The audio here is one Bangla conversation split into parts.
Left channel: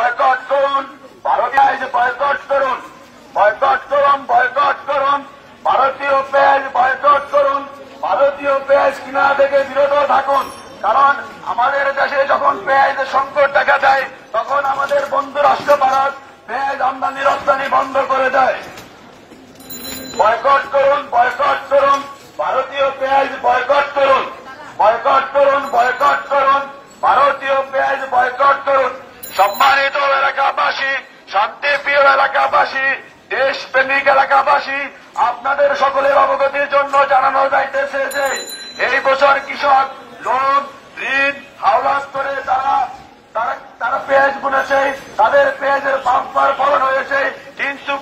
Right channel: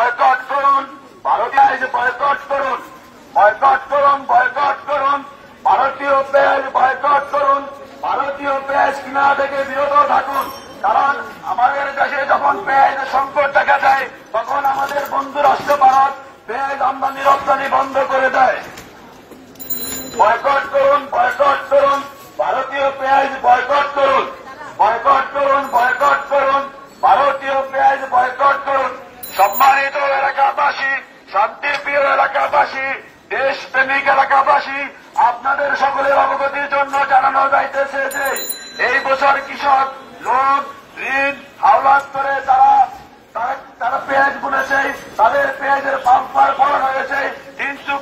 বয়কট করুন, ভারতীয় বয়কট করুন, বয়কট করুন, বয়কট করুন, ভারতীয় পেঁয়াজ বয়কট করুন, ভারতীয় পেঁয়াজ কিনা থেকে বিরত থাকুন। কারণ আমাদের দেশে যখন পেঁয়াজের সংকট দেখা যায় তখন আমাদের বন্ধু রাষ্ট্র ভারত পেঁয়াজ আমদানি রপ্তানি বন্ধ করে দেয়। বয়কট করুন, বয়কট করুন, ভারতীয় পেঁয়াজ বয়কট করুন, বয়কট করুন, বয়কট করুন, ভারতীয় পেঁয়াজ বয়কট করুন। সম্মানিত এলাকাবাসী, শান্তিপ্রিয় এলাকাবাসী, দেশপ্রেমিক এলাকাবাসী, আপনাদের সকলের অবগতির জন্য জানানো যাইতেছে যে এই বছর কৃষক লোন ঋণ হাওলাত করে তারা পেঁয়াজ বুনেছে, তাদের পেঁয়াজের বাম্পার ফলন হয়েছে, কিন্তু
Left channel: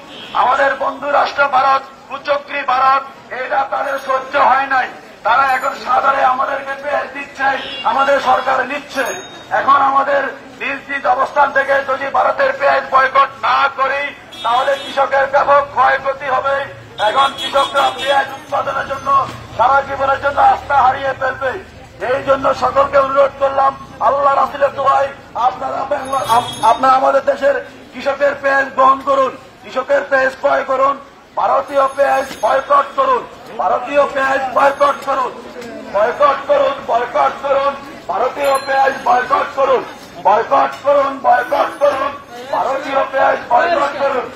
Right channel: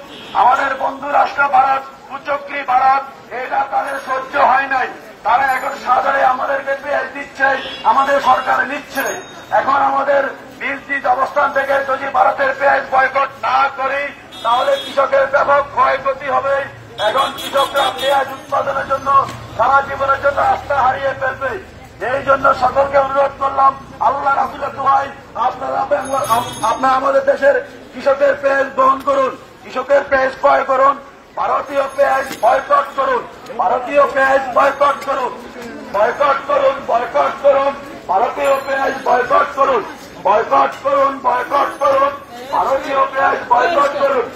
আমাদের বন্ধু রাষ্ট্র ভারত কুচক্রী ভারত এটা তাদের সহ্য হয় নাই। তারা এখন সাধারণে আমাদেরকে পেঁয়াজ দিচ্ছে, আমাদের সরকার নিচ্ছে। এখন আমাদের নিজ নিজ অবস্থান থেকে যদি ভারতের পেঁয়াজ বয়কট না করি তাহলে কৃষকের ব্যাপক ক্ষয়ক্ষতি হবে। এখন কৃষকরা পেঁয়াজ উৎপাদনের জন্য সারা জীবনের জন্য আস্থা হারিয়ে ফেলবে। এই জন্য সকলকে অনুরোধ করলাম, আল্লাহ রাসূলের দোয়ায় আপনারা আমাদের দেশের কৃষকের পেঁয়াজ গ্রহণ করুন, কৃষকের পেঁয়াজ ক্রয় করুন, ভারতীয় পেঁয়াজ বয়কট করুন, ভারতীয় পেঁয়াজ বয়কট করুন, বয়কট করুন, বয়কট করুন, ভারতীয় পেঁয়াজ বয়কট করুন, বয়কট করুন, বয়কট করুন, ভারতীয় পেঁয়াজ বয়কট করুন।